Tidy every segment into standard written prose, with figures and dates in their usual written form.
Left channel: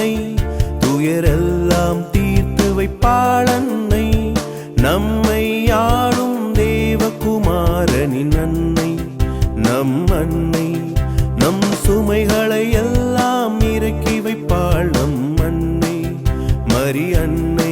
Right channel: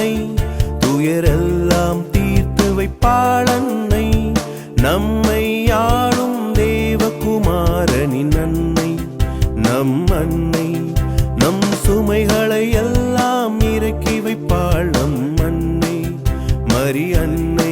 அன்னை, துயரெல்லாம் தீர்த்து வைப்பாள் அன்னை, நம்மை ஆளும் தேவகுமாரனின் அன்னை, நம் அன்னை. நம் சுமைகளை எல்லாம் இறக்கி வைப்பாள் நம் அன்னை, மரி அன்னை.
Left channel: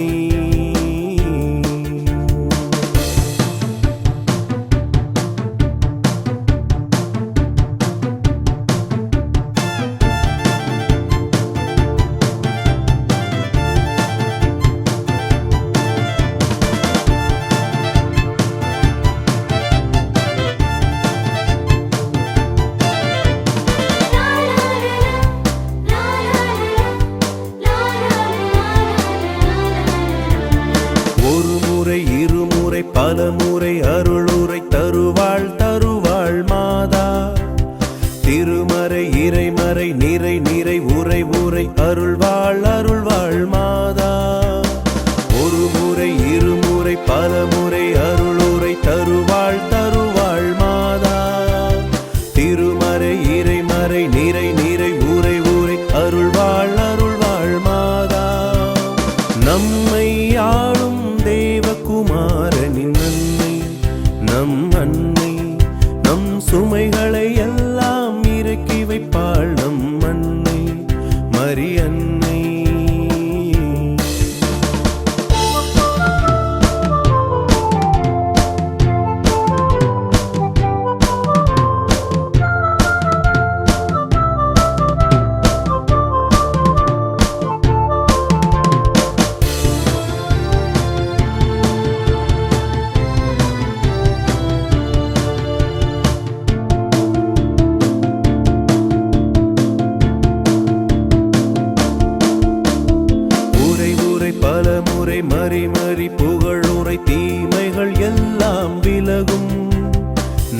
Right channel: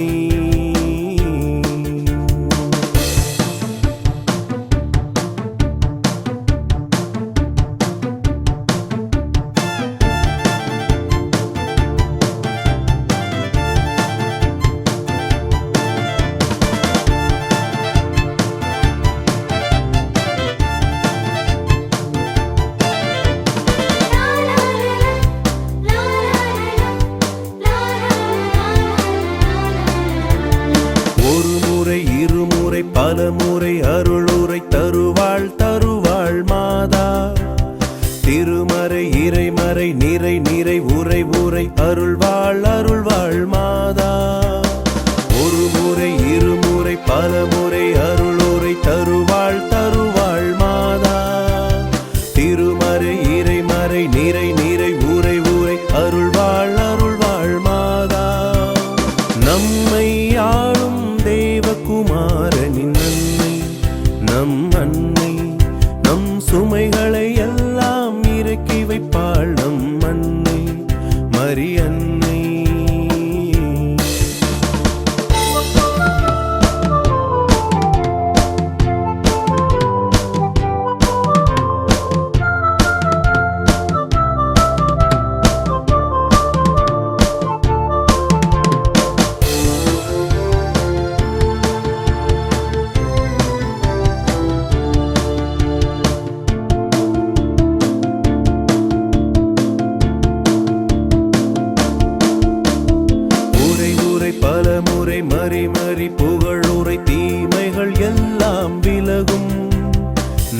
இருமுறை பலமுறை அருளுரை தருவாள் தருவாள் மாதா, திருமறை இறைமறை நிறை நிறை உரை உரை அருள்வாள் அருள்வாள் மாதா. ஒரு முறை இருமுறை பலமுறை அருளுரை தருவாள் தருவாள் மாதா, திருமறை இறைமறை நிறை நிறை உரை உரை அருள்வாள் அருள்வாள் மாதா. நம்மை ஆளும் தேவகுமாரனின் அன்னை, நம் அன்னை. நம் சுமைகளை எல்லாம் இறக்கி வைப்பாள் நம் அன்னை, மரி அன்னை. பலமுறை மறி மறி புகழுரை தீமைகள் எல்லாம் விலகும்,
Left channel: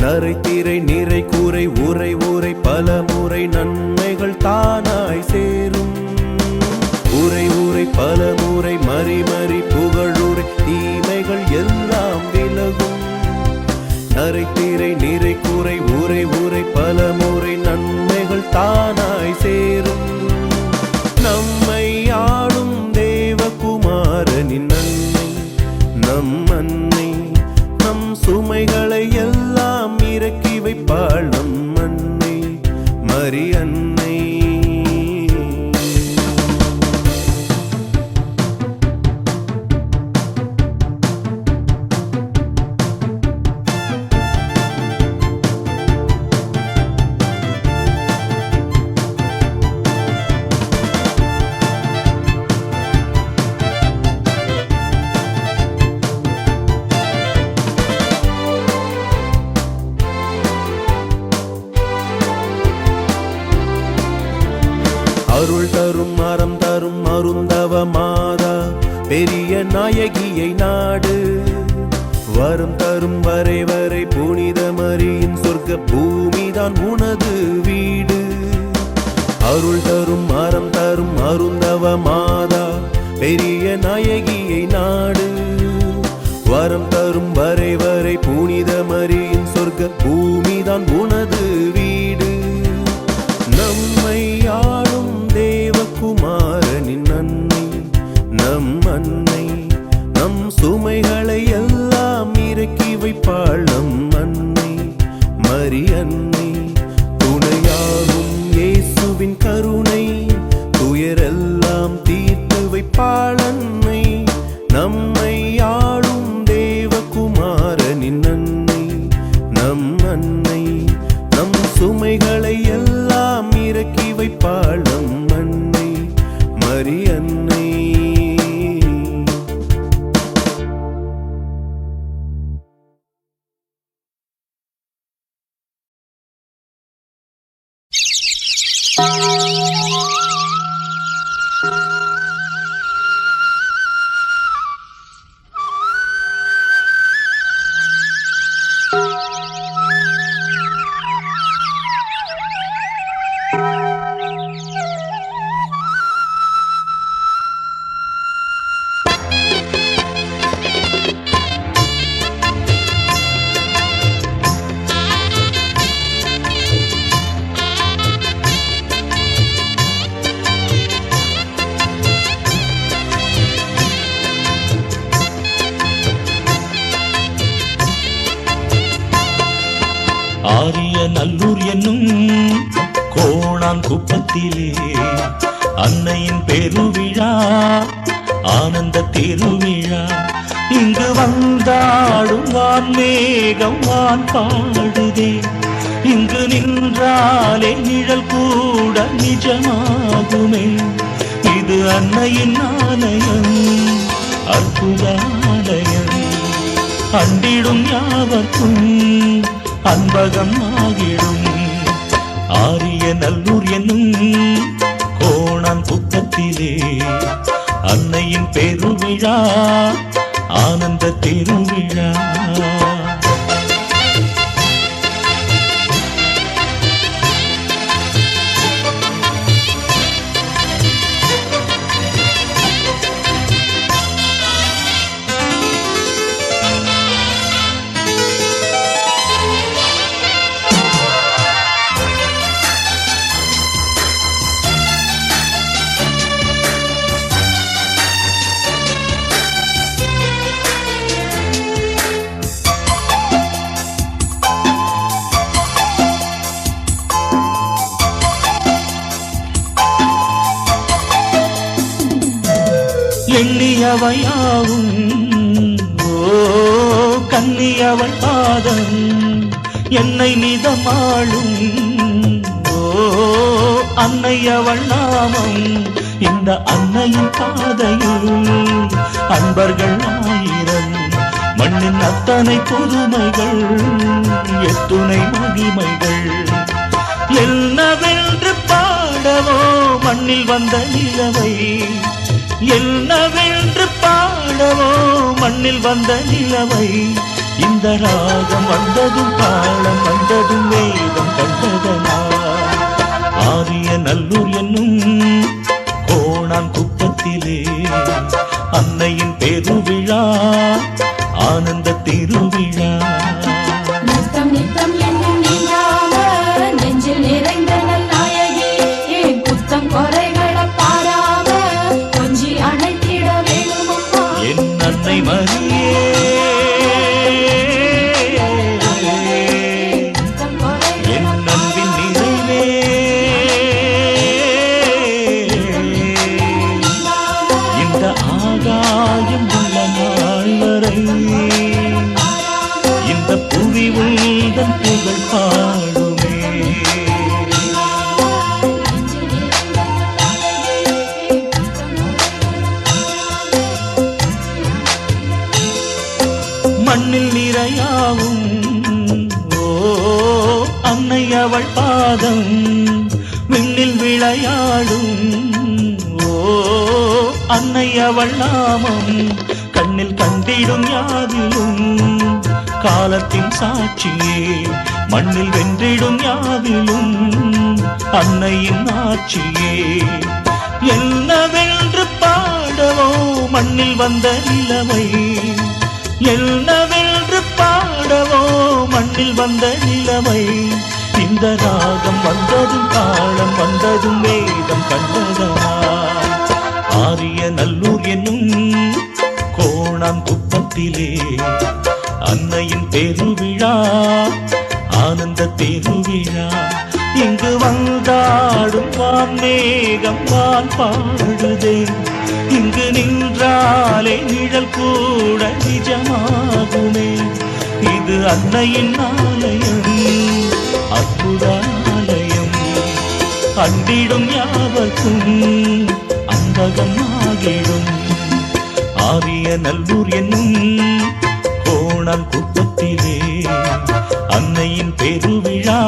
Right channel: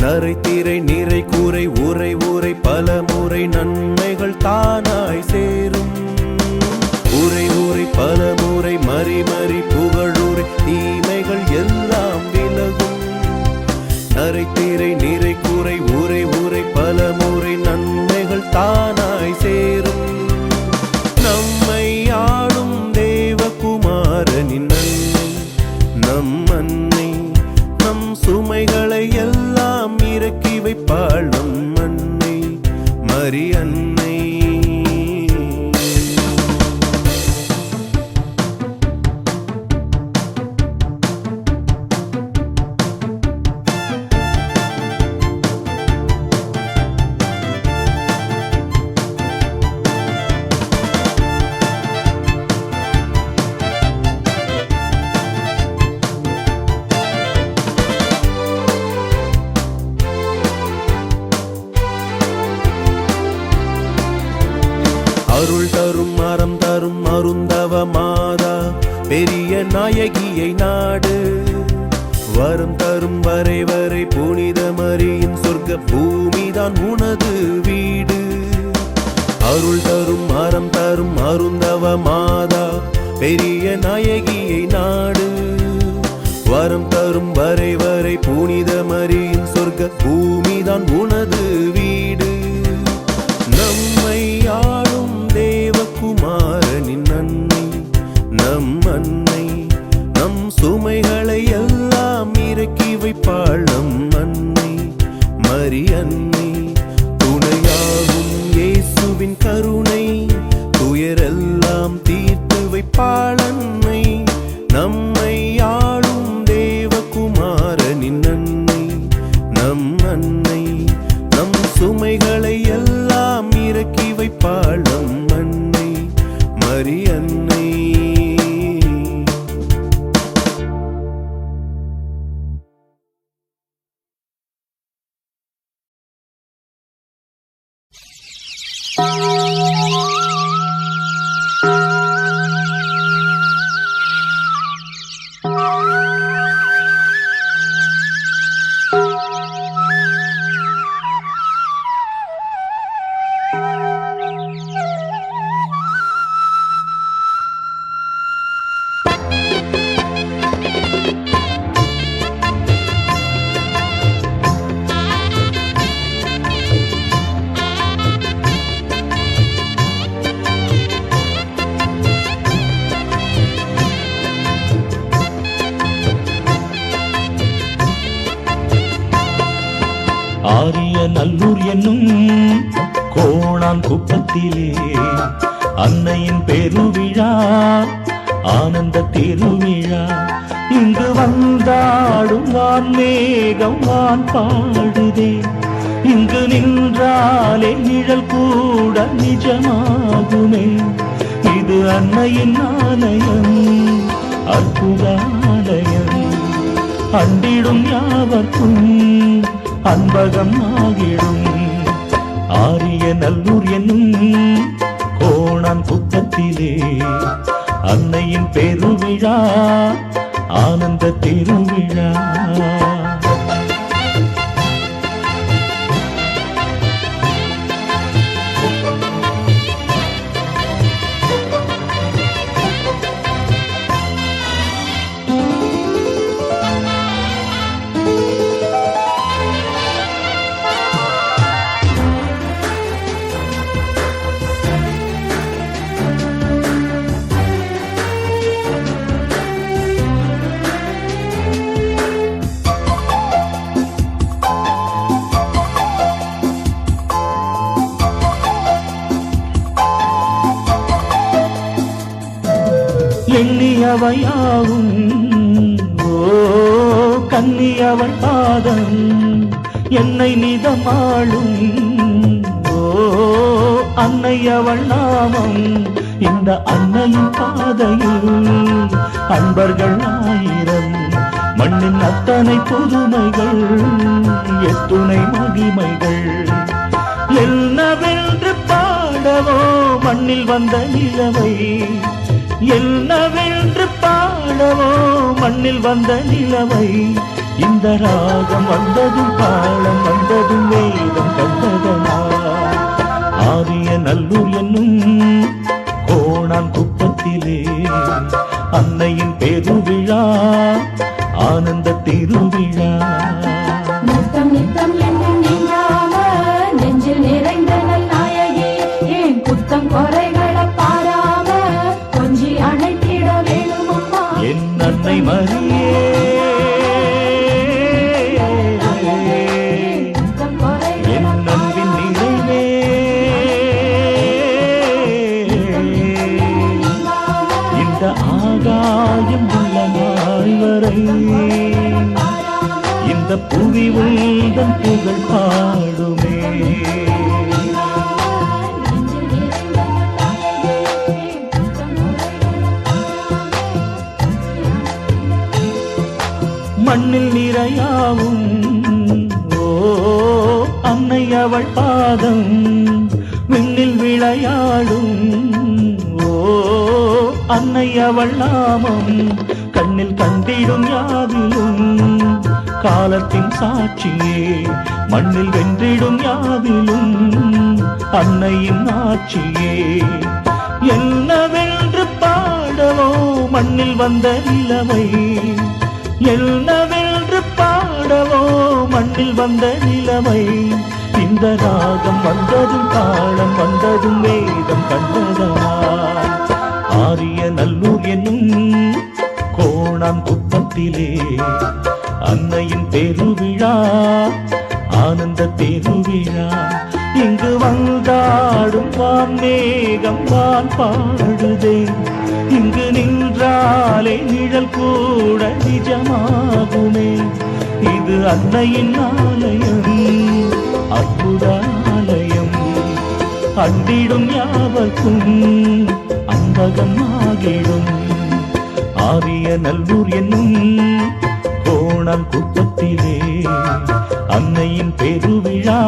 நரைத்திரை நிறை கூரை உரை உரை பலமுறை நன்மைகள் தானாய் சேரும். உரை உரை பலமுறை மறி மறி புகழுரை தீமைகள் எல்லாம் விலகும், நரைத்திரை நிறை கூரை உரை உரை பலமுறை நன்மைகள் தானாய் சேரும். நம்மை ஆளும் தேவகுமாரனின் அன்னை, நம் அன்னை. நம் சுமைகளை எல்லாம் இறக்கி வைப்பாள் நம் அன்னை, மரி அன்னை. அருள் தரும் அறம் தரும் அருந்தவ மாதா, பெரிய நாயகியை நாடு. வரம் தரும் வரை வரை புனித மரியின் சொர்க்க பூமிதான் உனது வீடு. அருள் தரும் அறம் தரும் அருந்தவ மாதா, பெரிய நாயகியை நாடு. வரம் தரும் வரை வரை புனித மரியின் சொர்க்க பூமிதான் உனது வீடு. நம்மை ஆளும் தேவகுமாரனின் அன்னை, நம் அன்னை. நம் சுமைகளை எல்லாம் இறக்கி வைப்பாள் நம் அன்னை, மரி அன்னை. துணையாகும் இயேசுவின் கருணை, துயரெல்லாம் தீர்த்து வைப்பாள் அன்னை, நம்மை ஆளும் தேவகுமாரனின் அன்னை, நம் அன்னை. நம் சுமைகளை எல்லாம் இறக்கி வைப்பாள் நம் அன்னை, மரி அன்னை. நல்லூர் என்னும் கோணான் குப்பத்திலே அன்னையின் பெருவிழா ஆனந்த திருவிழா. இங்கு வந்தாடும் வான் மேகம் வான் பாடுதே, இங்கு நின்றாலே நிழல் கூட நிஜமாகுமே. இது அன்னையின் ஆலயம், அற்புதாலயம், அண்டிடும் யாவர்க்கும் அன்பகம் ஆகிடும். ஆரிய நல்லூர் என்னும் கோணான் குப்பத்திலே அன்னையின் பெருவிழா ஆனந்த திருவிழா. எண்ணியவையாவும் கன்னியவள் பாதம் என்னை நிதமாளும் அன்னையவள் நாமம். இந்த அன்னையின் பாதையில் அன்பர்கள் ஆயிரம், மண்ணின் அத்தனை புதுமைகள் எத்துணை மகிமைகள். என்னவென்று பாடவோ மண்ணில் வந்த நிலவை, என்னவென்று பாடவோ மண்ணில் வந்த நிலவை. இந்த ராகம் வந்ததும் தாளம் வந்ததும் வேதம் கண்டதனா. ஆரிய நல்லூர் என்னும் கோணான் குப்பத்திலே அன்னையின் பெருவிழா ஆனந்த திருவிழா. நித்தம் நித்தம் என்னும் நீங்காம நெஞ்சில் நிறைந்த நல்நாயகி, ஏன் குத்தம் குறைகளை பாராம கொஞ்சி அணைத்திட வேணும் அம்மா. என் அன்னை மரியே என் அன்பின் நிறைவே, இந்த ஆகாயம் உள்ள நாள் வரை இந்த புவி உந்தன் புகழ் பாடுமே. மண்ணில் நிறையாவும் அன்னை அவள் பாதம், விண்ணில் விளையாடும் அன்னை அவள் நாமம். கண்ணில் கண்டிடும் யாவிலும் காலத்தின் சாட்சியே, மண்ணில் வென்றிடும் யாவிலும் அன்னையின் ஆட்சியே. என்னவென்று பாடவோ மண்ணில் வந்த நிலவை, என்னவென்று பாடவோ மண்ணில் வந்த நிலவை. இந்த ராகம் வந்ததும் தாளம் வந்ததும் வேதம் கண்டதனா. ஆரிய நல்லூர் என்னும் கோணான் குப்பத்திலே அன்னையின் பெருவிழா ஆனந்த திருவிழா. இங்கு வந்தாடும் வான் மேகம் வான் பாடுதே, இங்கு நின்றாலே நிழல் கூட நிஜமாகுமே. இது அன்னையின் ஆலயம், அற்புதாலயம், அண்டிடும் யாவர்க்கும் அன்பகம் ஆகிடும். ஆரிய நல்லூர் என்னும் கோணான் குப்பத்திலே அன்னையின் பெருவிழா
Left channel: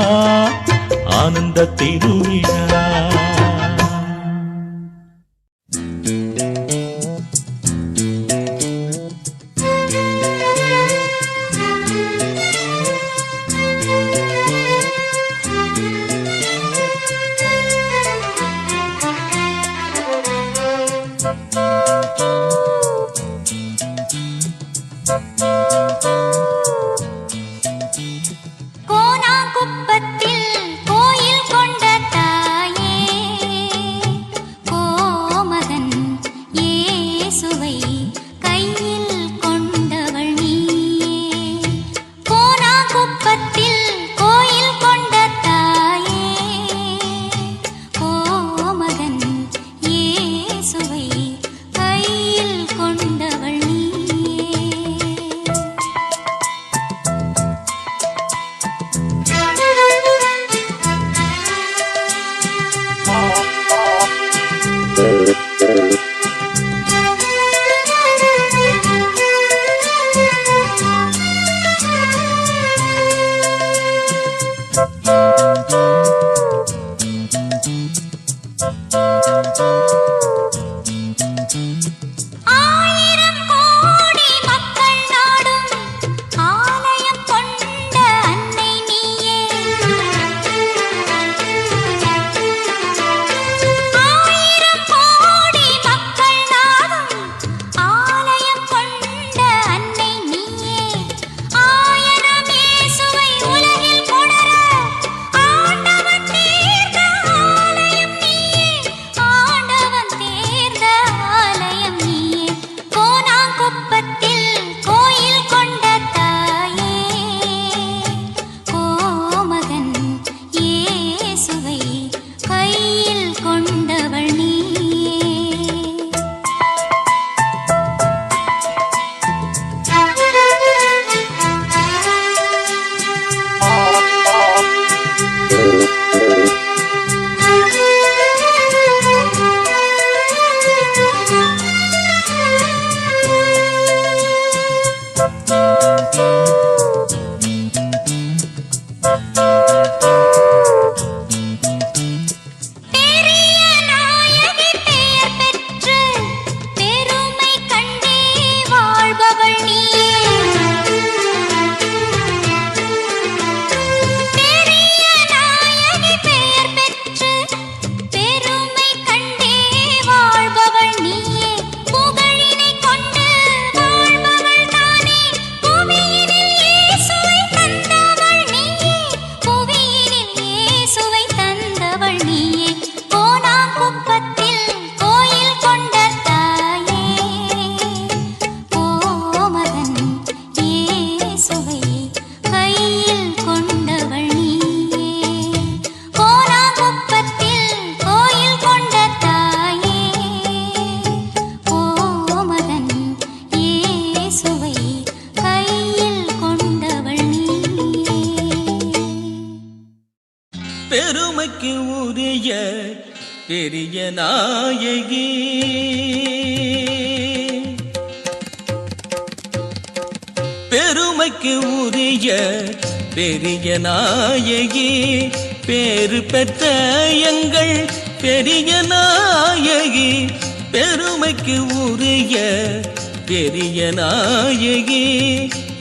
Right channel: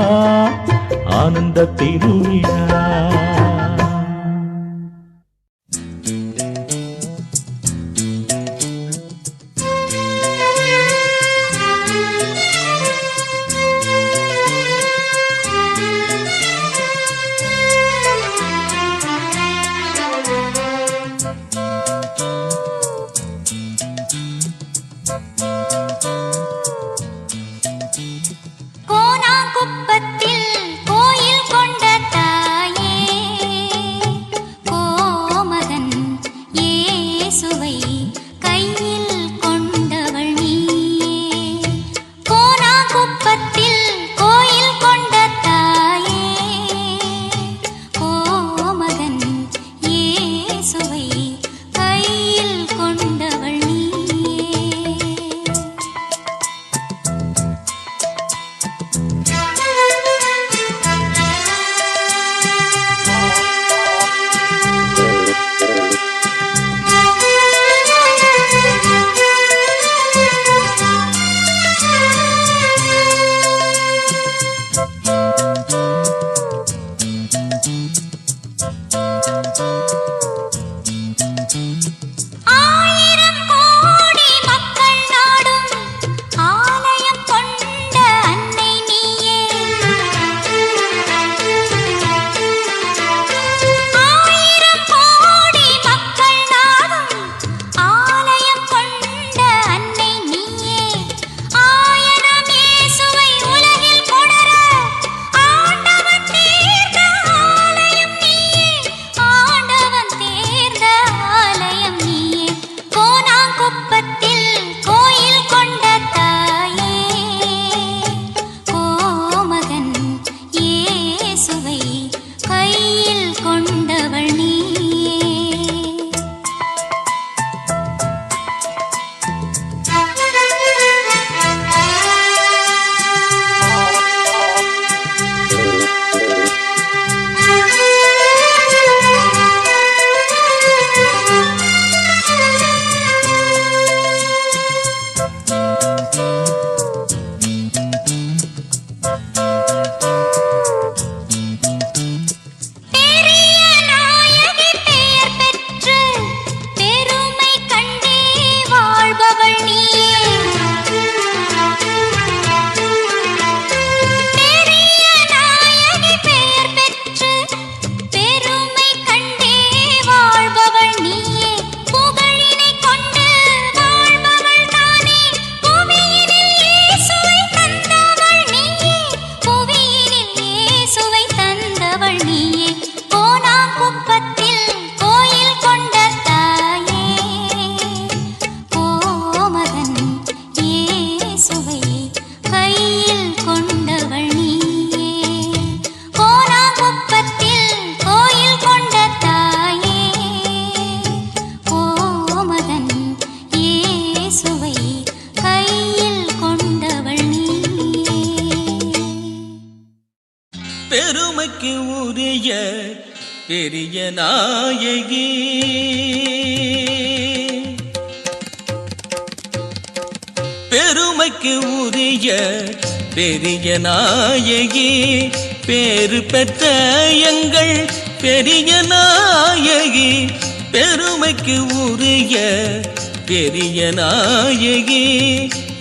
ஆனந்த திருவிழா. கோணாங்குப்பத்தில் கோயில் கொண்ட தாயே, பெருமைக்கு உரிய பெரிய நாயகி, பெருமைக்கு உரிய பெரிய நாயகி, பேறு பெற்ற எங்கள் பெரிய நாயகி, பெருமைக்கு உரிய பெரிய நாயகி,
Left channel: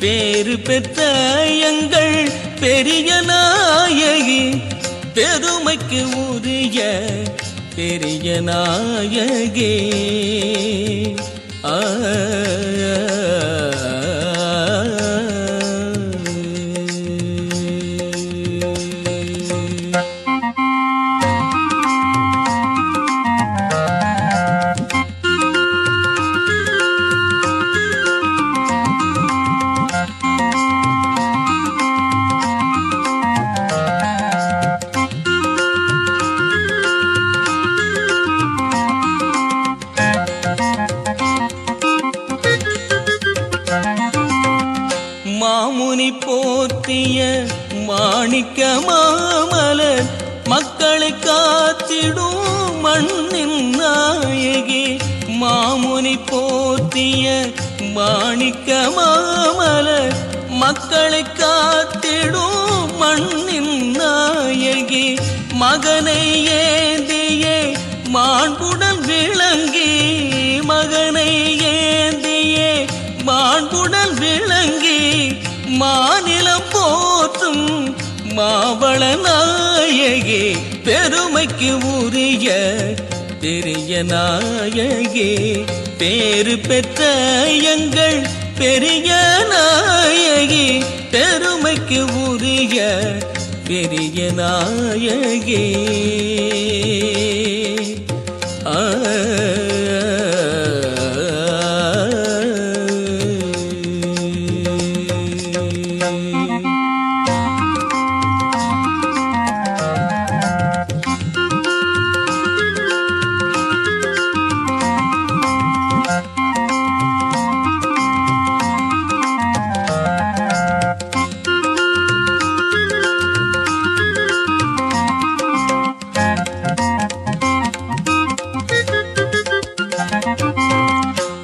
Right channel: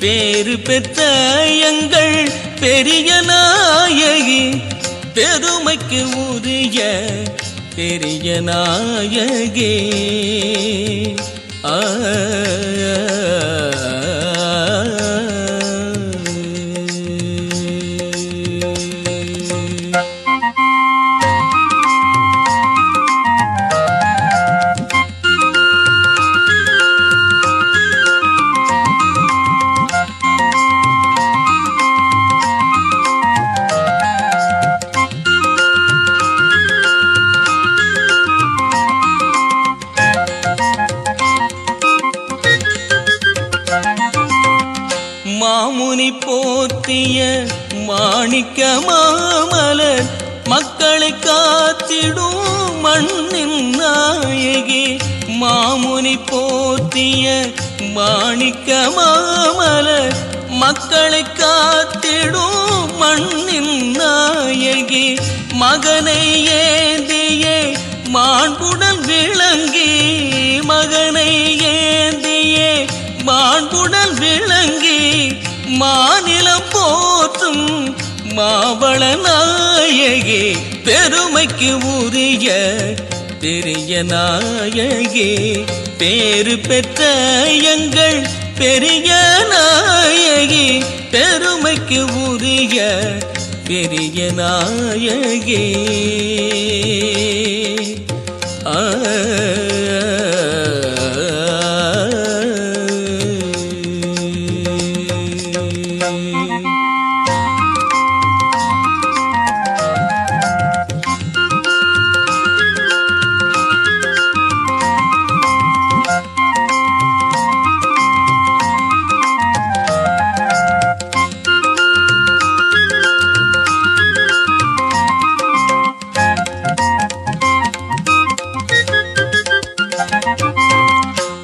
பேறு பெற்ற எங்கள் பெரிய நாயகி, பெருமைக்கு உரிய பெரிய நாயகி. மாமுனி போற்றிய மாணிக்க மாமலர் மக்களை காத்திடும் மண்ணின் நாயகி, மாமுனி போற்றிய மாணிக்க மாமலர் மக்களை காத்திடும் மண்ணின் நாயகி, மகனை ஏந்தியே மாண்புடன் விளங்கி, மகனை ஏந்தியே மாண்புடன் விளங்கி, மாநிலம் போற்றும் மாவள நாயகி, பெருமைக்கு உரிய பெரிய நாயகி, பேறு பெற்ற எங்கள் பெரிய நாயகி, பெருமைக்கு உரிய பெரிய நாயகி.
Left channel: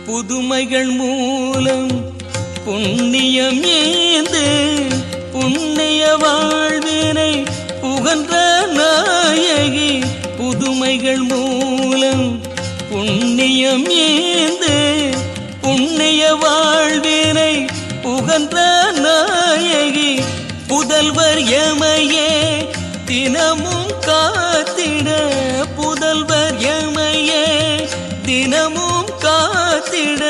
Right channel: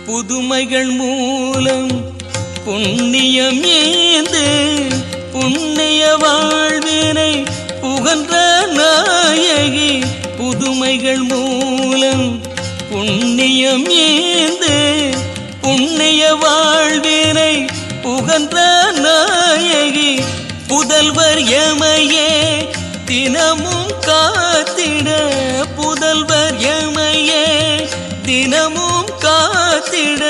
புதுமைகள் மூலம் புண்ணியம் ஏந்து புண்ணிய வாழ்வினை புகன்ற நாயகி, புதுமைகள் மூலம் புண்ணியம் ஏந்து புண்ணிய வாழ்வினை புகன்ற நாயகி, புதல்வர் எமையே தினமும் காத்திட, புதல்வர் எமையே தினமும் காத்திட,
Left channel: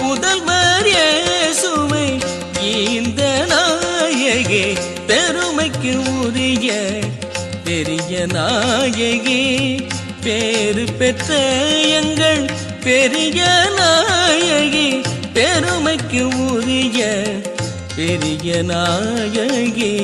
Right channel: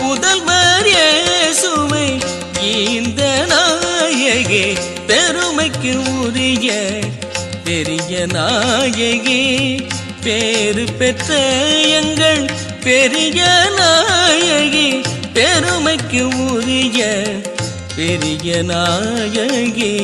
புதல்வர் இயேசுவை இந்த நாயகி, பெருமைக்கு உரிய பெரிய நாயகி, பேறு பெற்ற எங்கள் பெரிய நாயகி, பெருமைக்கு உரிய பெரிய நாயகி.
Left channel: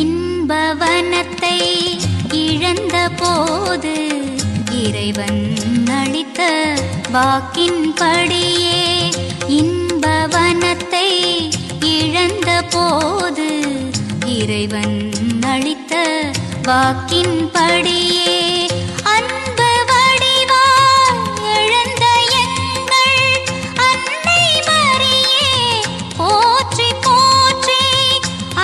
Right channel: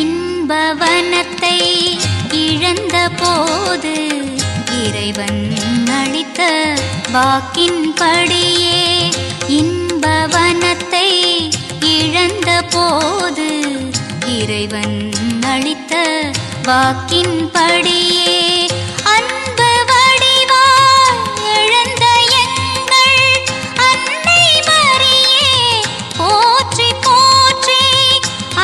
இன்பவனத்தை இழந்த போது இறைவன் அளித்த வாக்கின்படியே இன்பவனத்தை இழந்த போது இறைவன் அளித்த வாக்கின்படியே அன்பு வடிவாய் எழுந்த எங்கள் அன்னை மரியே போற்றி போற்றி.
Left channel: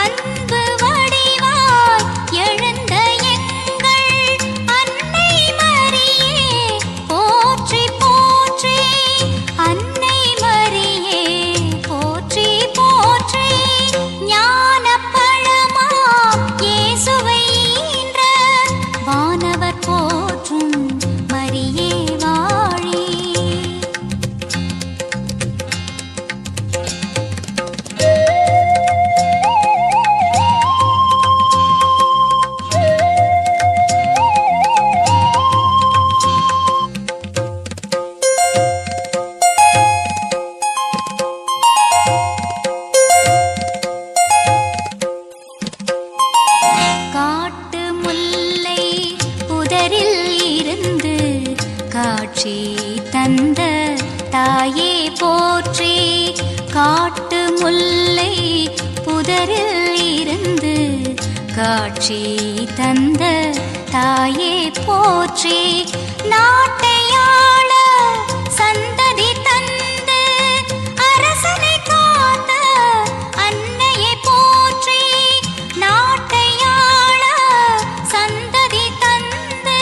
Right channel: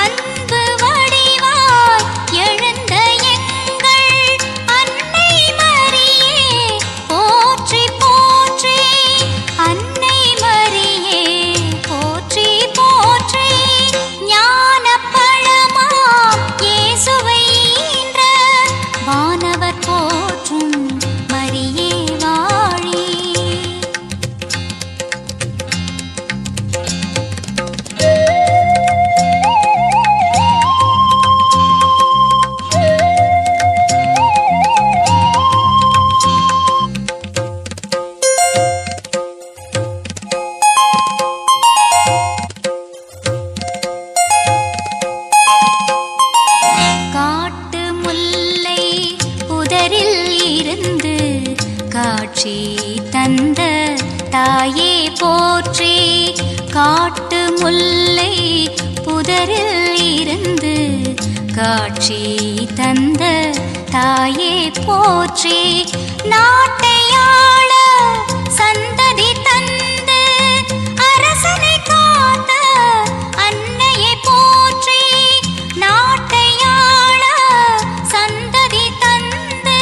அன்பு வடிவாய் எழுந்த எங்கள் அன்னை மரியே போற்றி போற்றி. அன்னை மரியே போற்றி போற்றி. ஞானப் பழமாம் இயேசுவை ஈன்ற வானவர் போற்றும் மரியே வாழி. காட்டு முல்லை புதரில் இருந்து காட்சி தந்த தாயே போற்றி. காட்டு முல்லை புதரில் இருந்து காட்சி தந்த தாயே போற்றி. நாட்டையாள சந்ததி தந்து அரசனை காத்த அன்னையை போற்றி. நாட்டையாள சந்ததி தந்து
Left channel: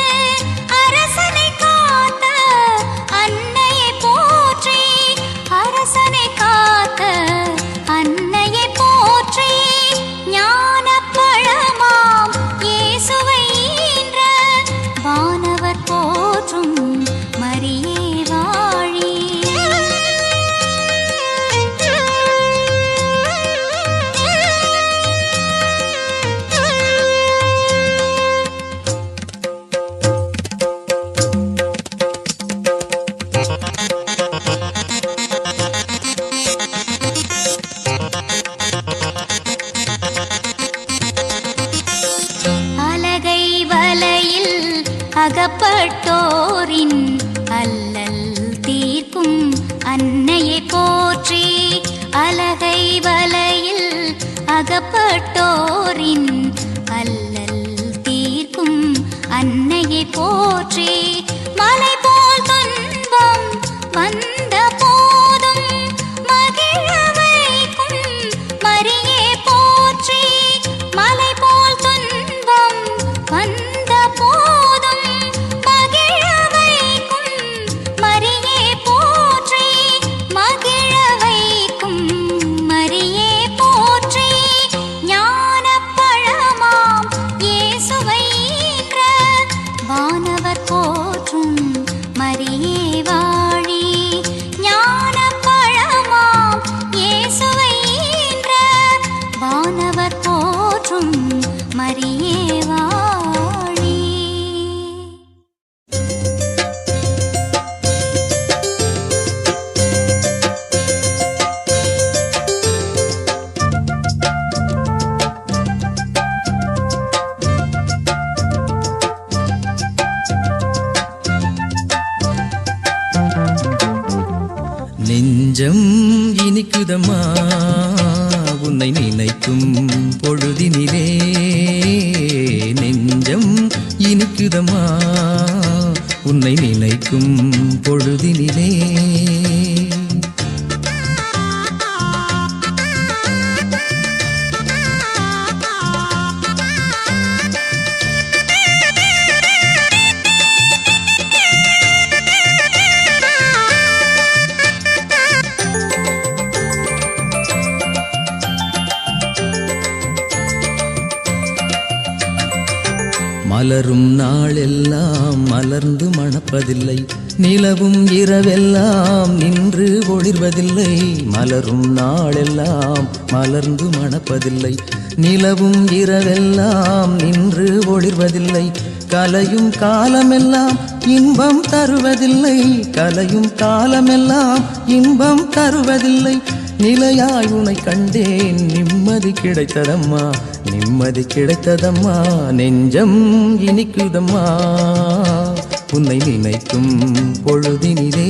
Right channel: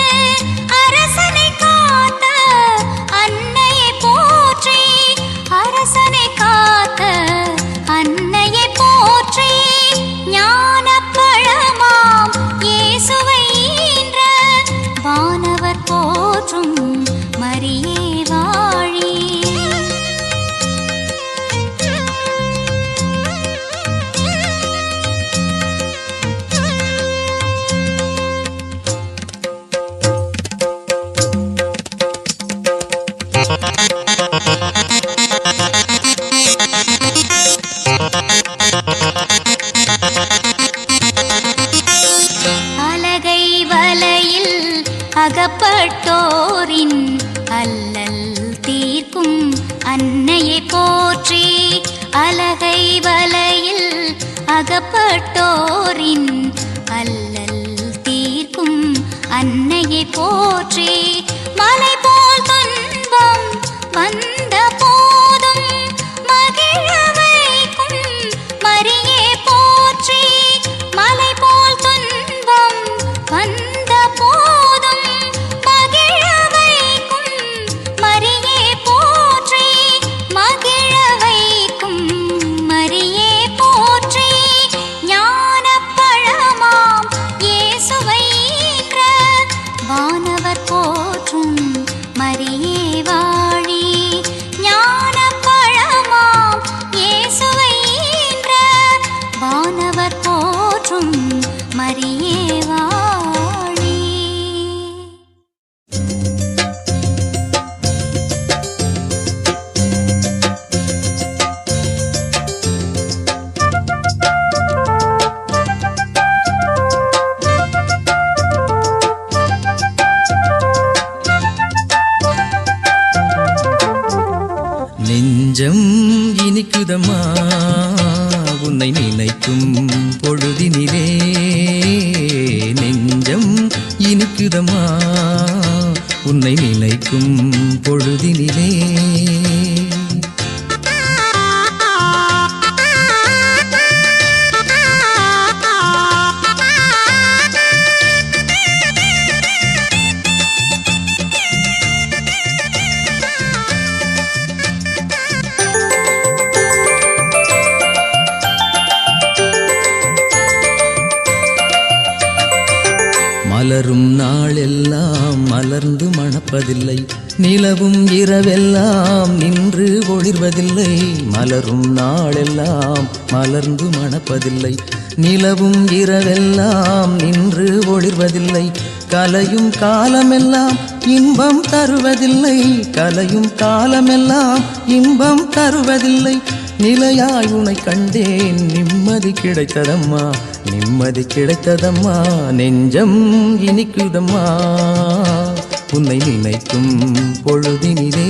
அரசனை காத்த அன்னையை போற்றி. அரசனை காத்த அன்னையை போற்றி. ஞானப் பழமாம் இயேசுவை ஈன்ற வானவர் போற்றும் மரியே வாழி. அலகை வலையில் அகப்பட்டோரின் அல்லல் தீர்க்கும் அன்னையை போற்றி. அலகை வலையில் அகப்பட்டோரின் அல்லல் தீர்க்கும் அன்னையை போற்றி. மலை போல் துன்பம் வந்த போதும் மகிழ வைக்கும் மரியே போற்றி. மலை போல் துன்பம் வந்த போதும் மகிழ வைக்கும் மரியே போற்றி. மகிழ வைக்கும் மரியே போற்றி. ஞானப் பழமாம் இயேசுவை ஈன்ற வானவர் போற்றும் மரியே வாழி. ஞானப் பழமாம் இயேசுவை ஈன்ற வானவர் போற்றும் மரியே வாழி. நெஞ்சம் இனிக்குதம்மா உன்னை நினைக்கும் பொழுதினிலே. நெஞ்சம் இனிக்குதம்மா உன்னை நினைக்கும் பொழுதினிலே. மலரும் நாளெல்லாம் மலர்ந்து மணப்பதில்லை, நிலவும் இரவெல்லாம் நின்று ஒளிர்வதில்லை. மலரும் நாளெல்லாம் மலர்ந்து மணப்பதில்லை, நிலவும் இரவெல்லாம் நின்று ஒளிர்வதில்லை. கலையும் காலமெல்லாம் இன்பம் தருவதில்லை, கலையும் காலமெல்லாம் இன்பம் தருவதில்லை. நிலையாய் உனை கண்டேன், நிம்மதி கிடைத்ததம்மா, நிம்மதி கிடைத்ததம்மா. நெஞ்சம் இனிக்குதம்மா உன்னை நினைக்கும் பொழுதினிலே.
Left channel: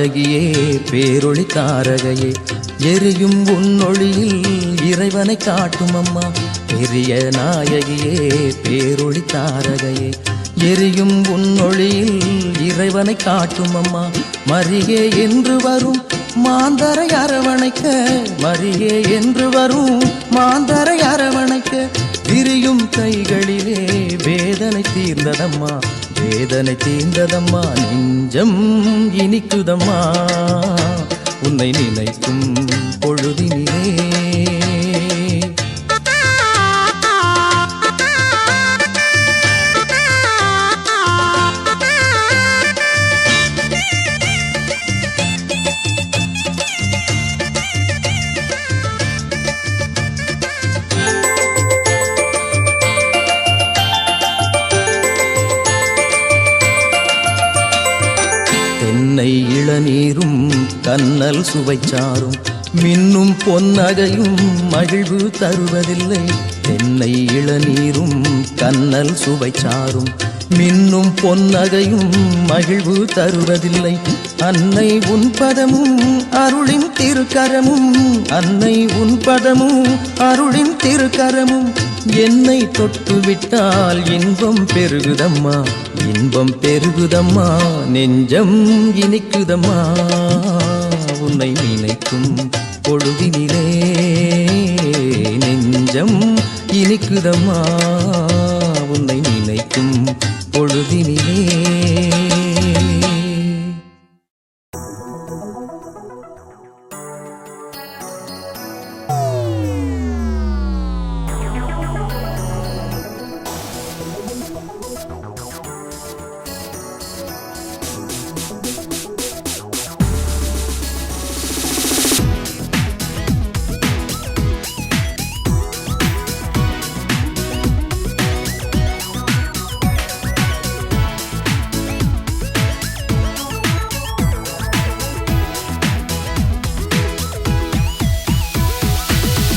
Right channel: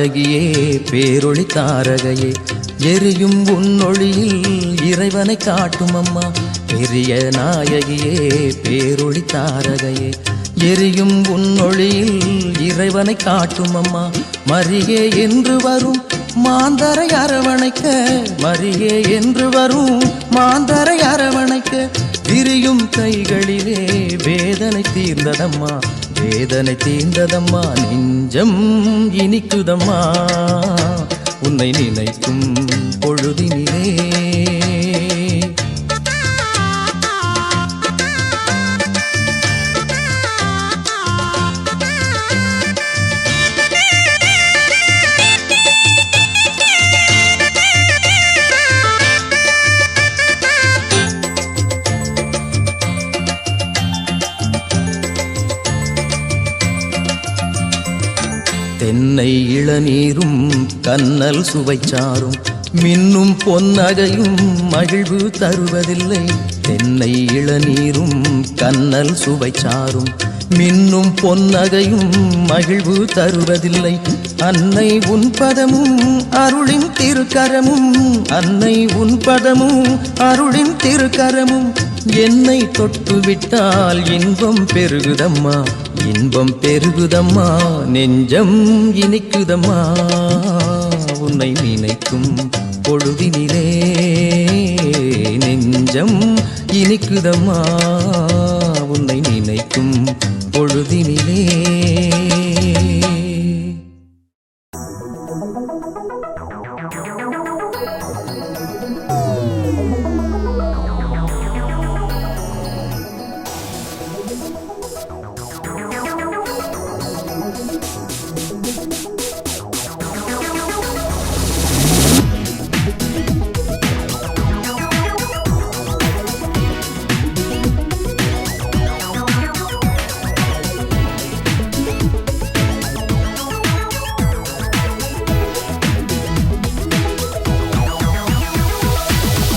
நாயகியே பேரொளி தாரகையே எரியும் உன்னொளியில் இறைவனை காட்டும் அம்மா பெரிய நாயகியே பேரொளி தாரகையே எரியும் உன்னொளியில் இறைவனை காட்டும் அம்மா மரியே என்று வரும் மாந்தரை அரவணைக்க மரியே என்று வரும் மாந்தரை அரவணைக்க விரியும் கைகளிலே வேதனை தீர்ந்ததம்மா வேதனை தீர்ந்ததம்மா நெஞ்சம் இனிக்குதம்மா உன்னை நினைக்கும் பொழுதினிலே தென்னை இளநீரும் கண்ணல் சுவைச்சாரும் மின்னும் பொன்னகையும் மகிழ்வு தருவதில்லை தென்னை இளநீரும் கண்ணல் சுவைச்சாரும் மின்னும் பொன்னகையும் மகிழ்வு தருவதில்லை அன்னை உன் பதமும் அருளின் திருக்கரமும் அன்னை உன் பதமும் அருளின் திருக்கரமும் என்னை தொட்டுவிட்டால் இன்பம் பெருகுதம்மா இன்பம் பெருகுதம்மா நெஞ்சம் இனிக்குதம்மா உன்னை நினைக்கும் பொழுதினிலே நெஞ்சம் இனிக்குதம்மா உன்னை நினைக்கும் பொழுதினிலே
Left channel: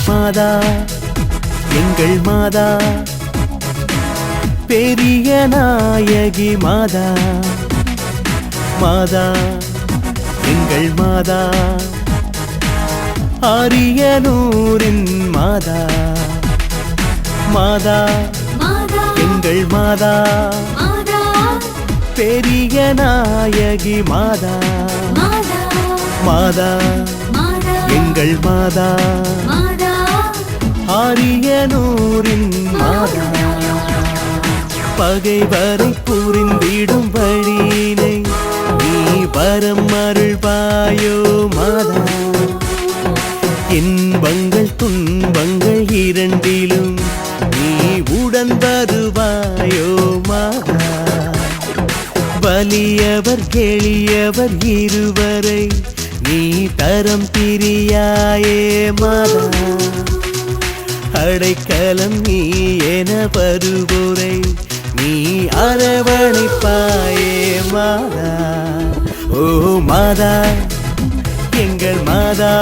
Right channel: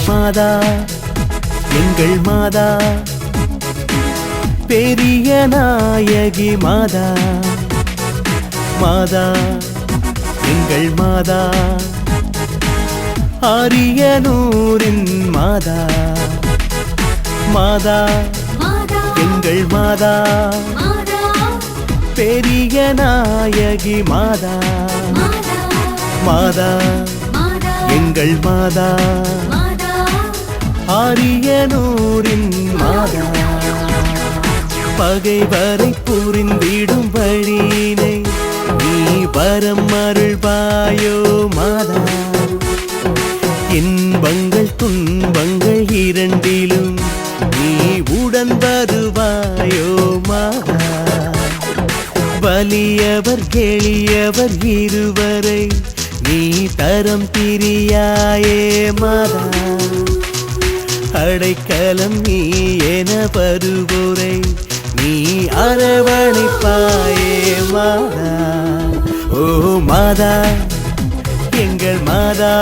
மாதா எங்கள் மாதா பெரிய நாயகி மாதா மாதா எங்கள் மாதா ஆரியனூரின் மாதா மாதா எங்கள் மாதா பெரிய நாயகி மாதா மாதா எங்கள் மாதா ஆரியனூரின் மாதா பகைவரை புரிந்திடும் வழியினை நீ வரம் அருள்வாயோ மாதா இன்பங்கள் துன்பங்கள் இரண்டிலும் நீ உடன் வருவாயோ மாதா வலியவர் எளியவர் இருவரை நீ தரம் பிரியாயே மாதா அடைக்கலம் நீ என வருவோரை நீ அரவணைப்பாயே மாதா ஓ மாதா எங்கள் மாதா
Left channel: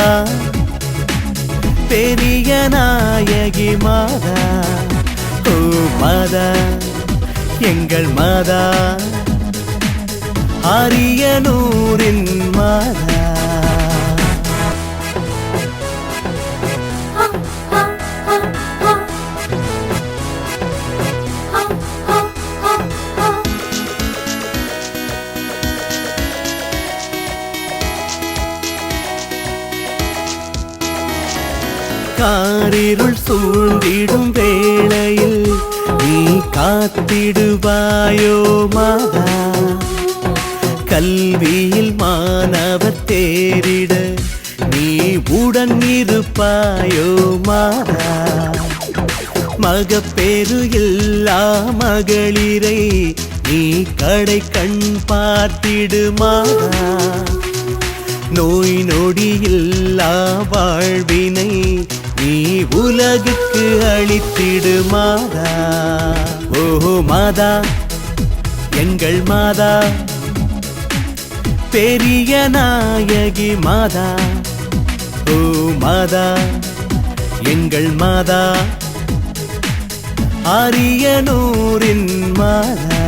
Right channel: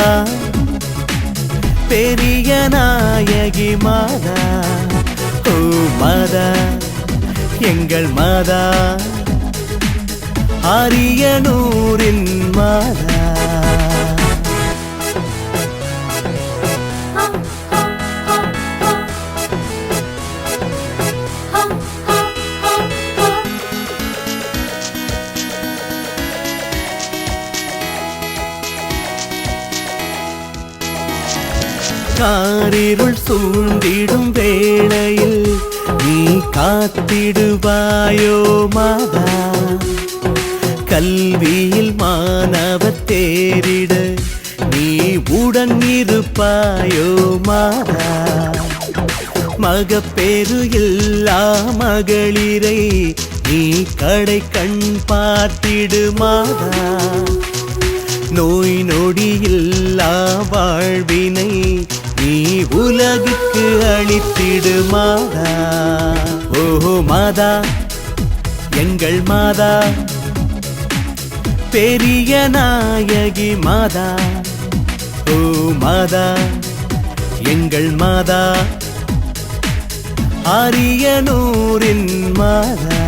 பெரிய நாயகி மாதா ஓ மாதா எங்கள் மாதா ஆரியனூரின் மாதா காரிருள் சூழ்ந்திடும் வேளையில் நீ காத்திடுவாயோ மாதா கல்வியில் மாணவர் தேறிட நீ உடன் இருப்பாயோ மாதா மகப்பேறு இல்லா மகளிரை நீ கடை கண் பார்த்திடு மாதா நோய் நொடியில்லா வாழ்வினை நீ உலகுக்கு அளித்திடு மாதா ஓ மாதா எங்கள் மாதா பெரிய நாயகி மாதா ஓ மாதா எங்கள் மாதா ஆரியனூரின் மாதா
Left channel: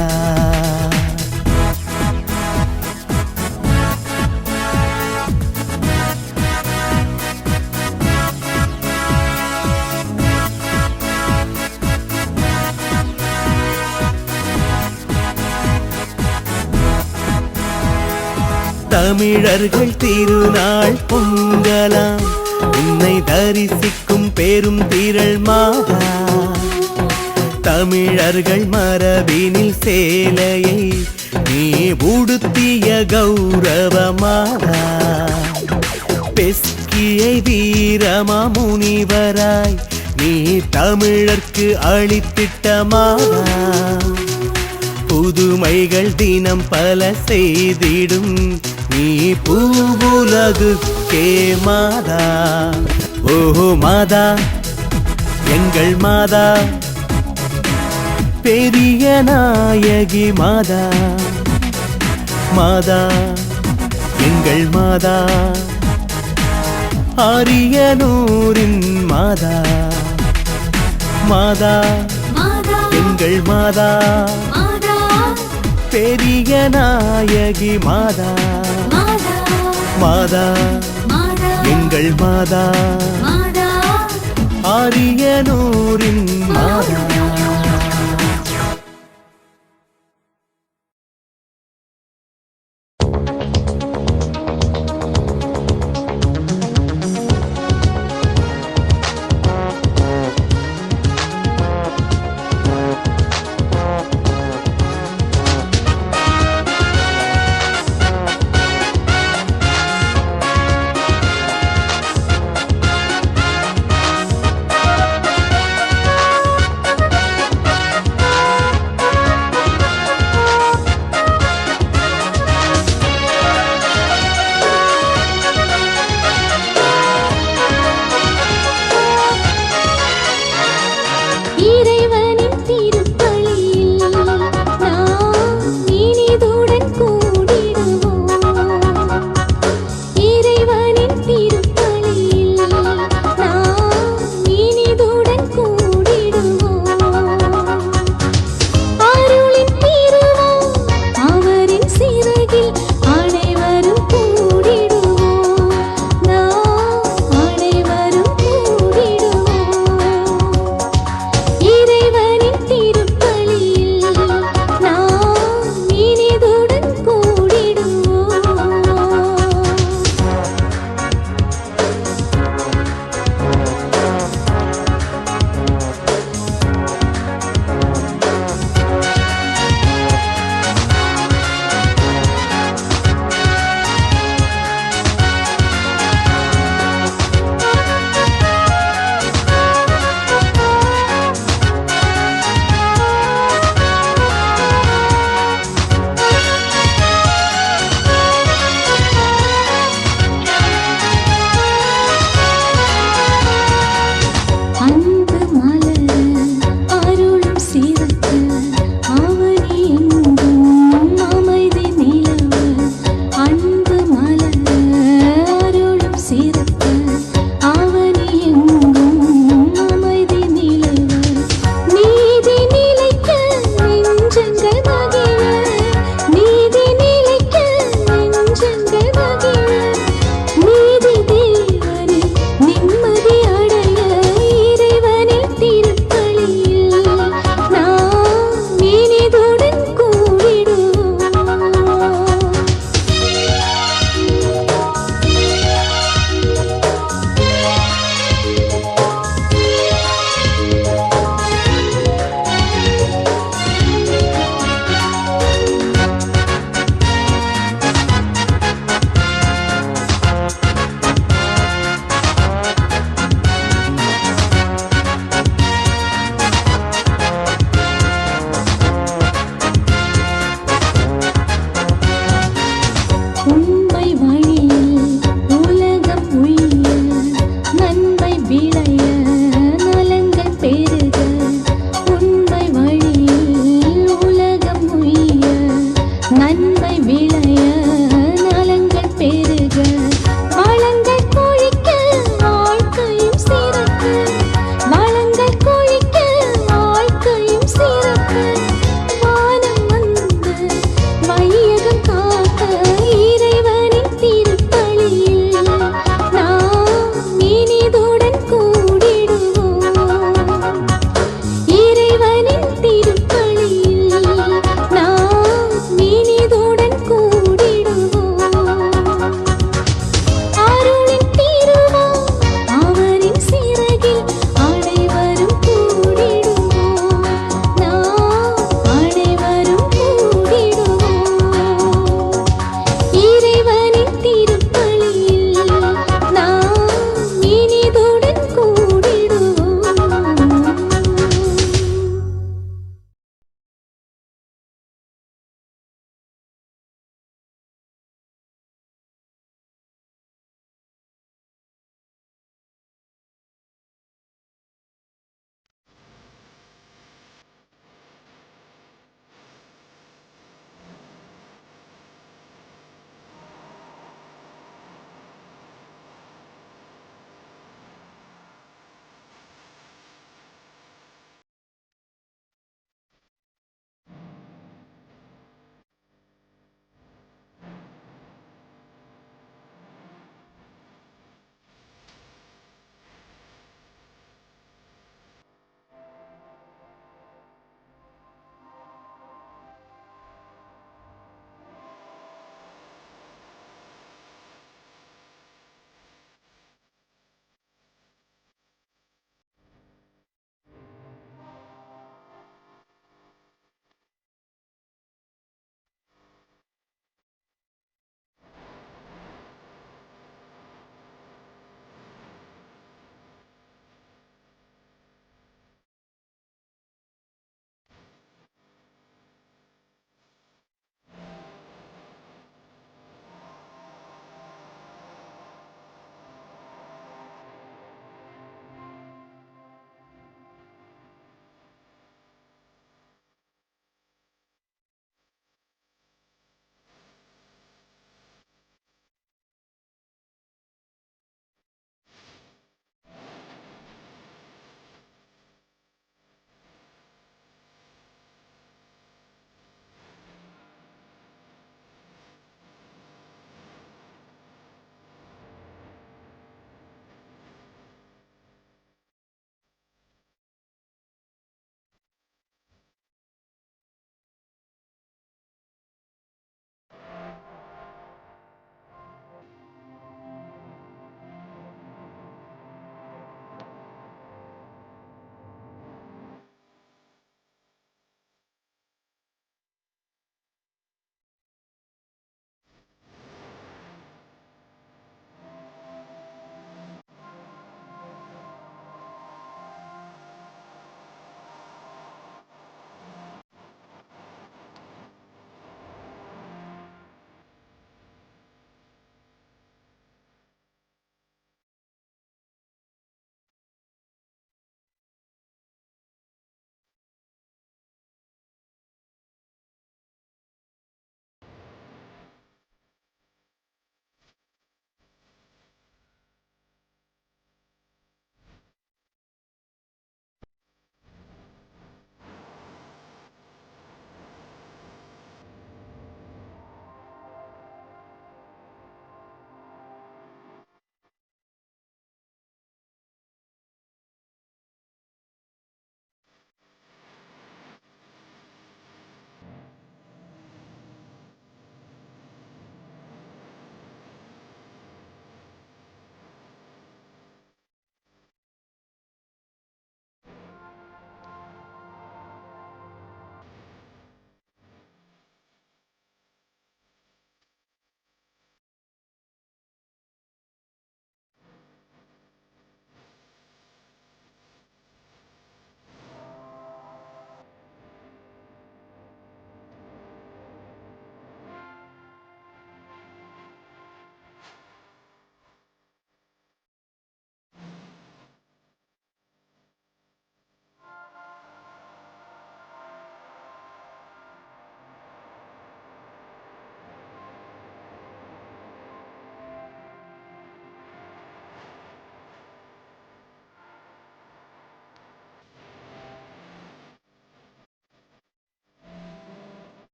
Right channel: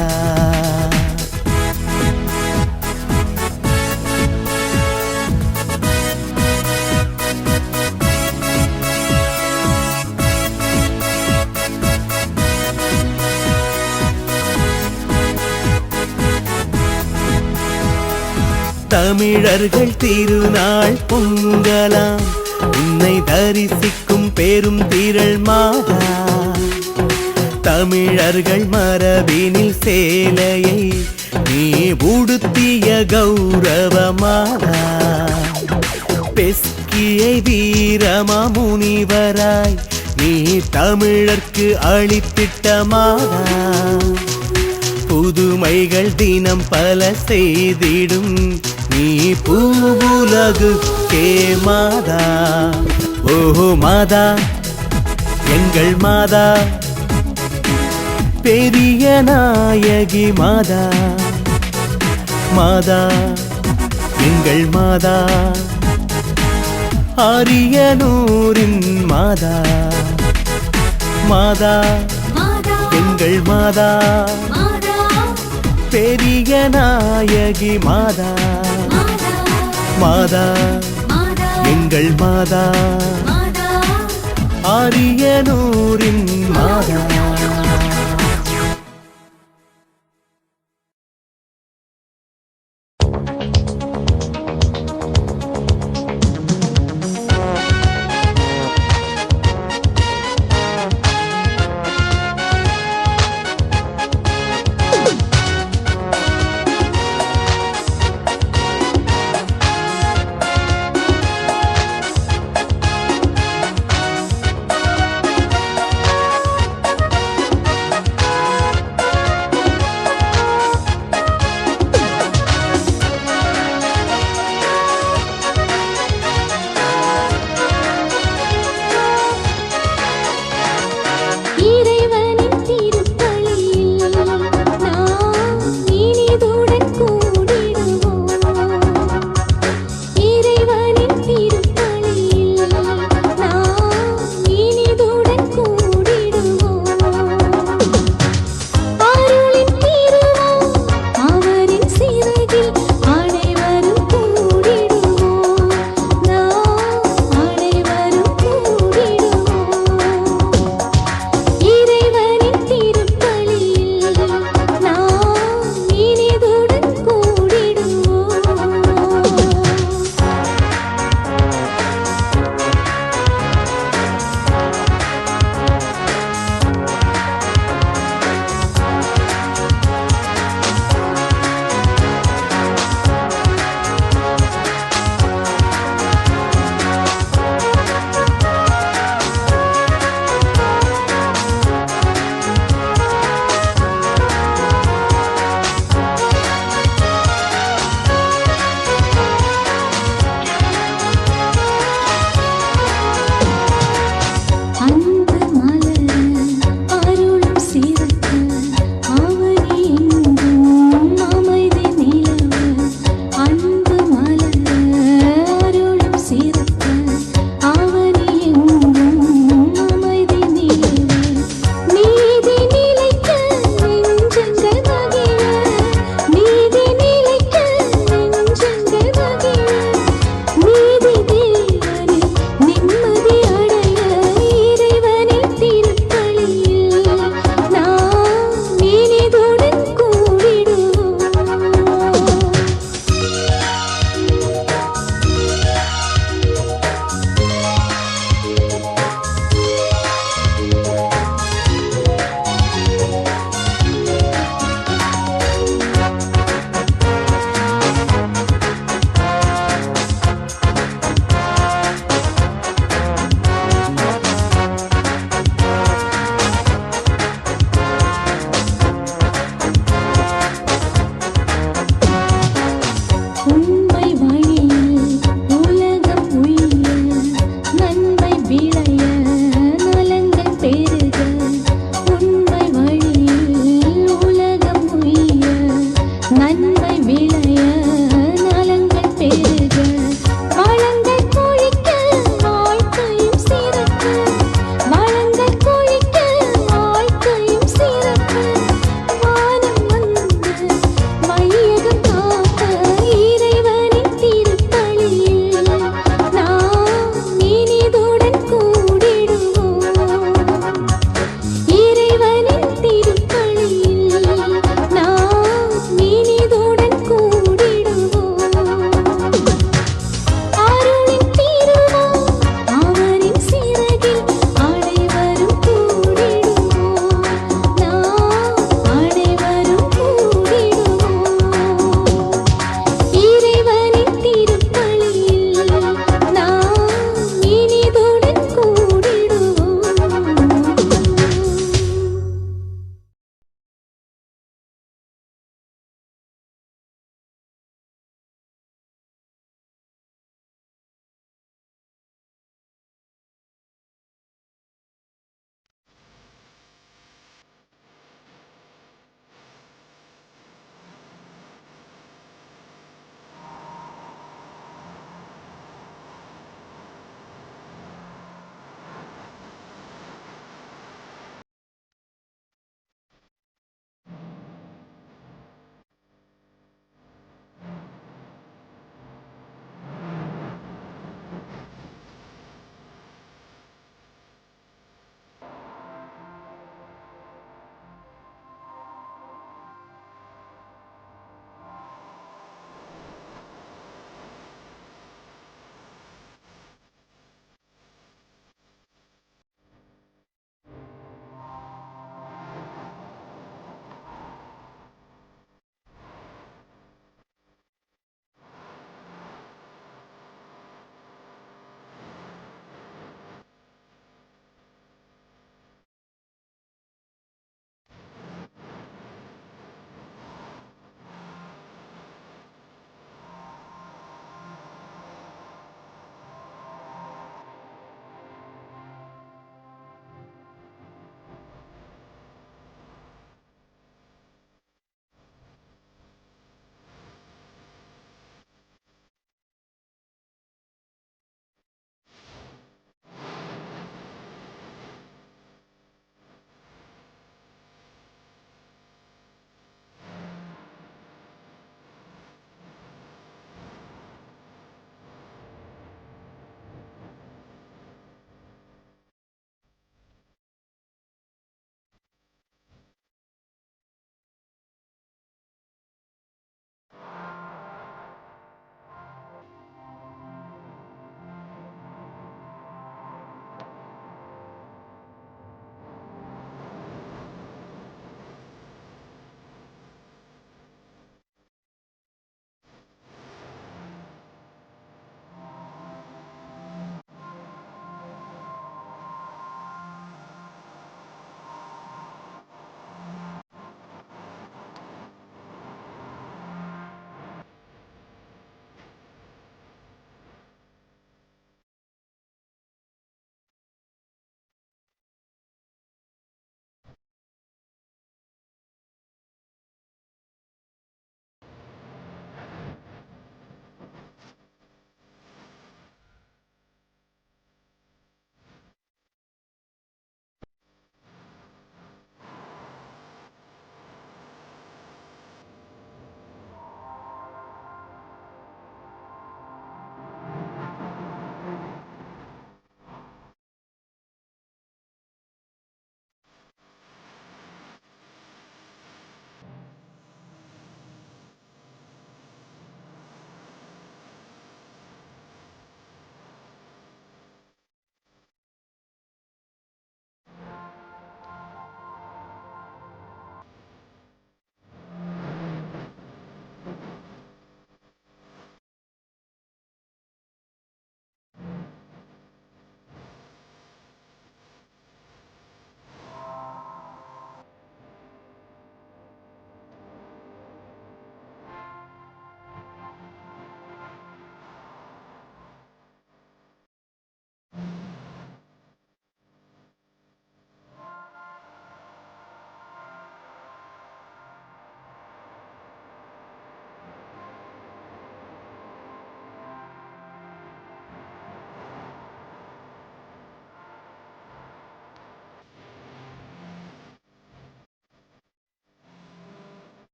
தமிழர்கள் திருநாள் பொங்கலாம் உன்னை தரிசிக்கும் பெரும் திரள் மாதா தமிழர்கள் மரபினில் சேலையை நீ உடுத்திய கௌரவ மாதா பெஸ்கியை வீரமா முனிவராய் நீ தமிழர்க்கு அளித்திட்ட மாதா புதுமைகள் தினம் பல செய்திடும் நீ பூவுலகுக்கே மாதா ஓஹோ மாதா எங்கள் மாதா பெரிய நாயகி மாதா மாதா எங்கள் மாதா அரியனூரின் மாதா மாதா எங்கள் மாதா பெரிய நாயகி மாதா மாதா எங்கள் மாதா அரியனூரின் மாதா